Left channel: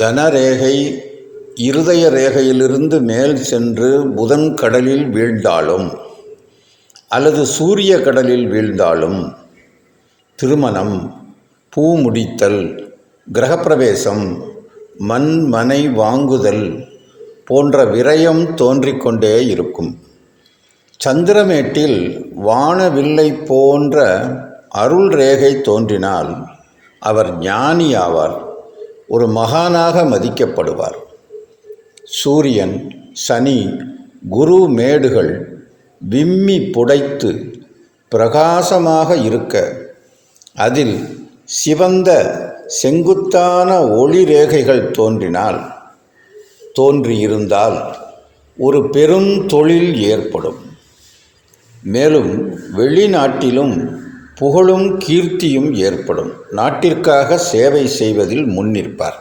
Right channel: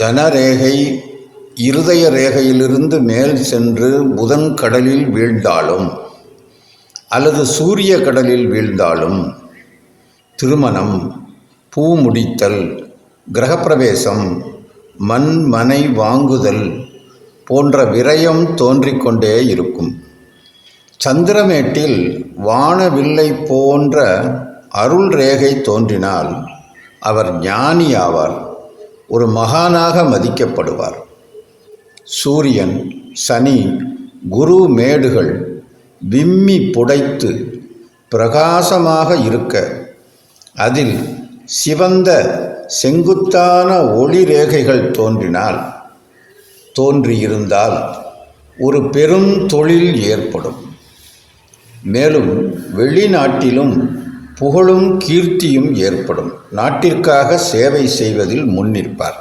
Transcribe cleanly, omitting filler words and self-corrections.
தனரேகை இருதய ரேகையிலிருந்து மேல் சென்று புதன் கடலில் வீழ்ந்தாலும் அல்லது சூரிய கடலில் வீழ்ந்தாலும் திருமணம், பூ முடித்தல், கிரகப்பிரவேசம், மனை வாங்குதல் போன்ற விரயம் தோன்றிக்கொண்டே இருக்கும். சந்திரமேட்டில் வானவில்லை போன்ற அருள் ரேகை தோன்றினால் அவர் ஞானி ஆவார், ஒரு மகானாக மதிக்கப்படுவார். சூரியன், சனி, குரு மேடுகள் விம்மி புடைத்து பிரகாசமாக இருக்க அதில் சிவந்த செங்குத்தான ஒளி ரேகைகள் தோன்றியிருந்தால் ஒரு பெரும் தொழில் ஏற்படும். மேலும் வெளிநாட்டிலும் புகழும் கீர்த்தியும் ஏற்படும். நாட்டிற்காக சேவை செய்வதில் முன்னிற்பார்.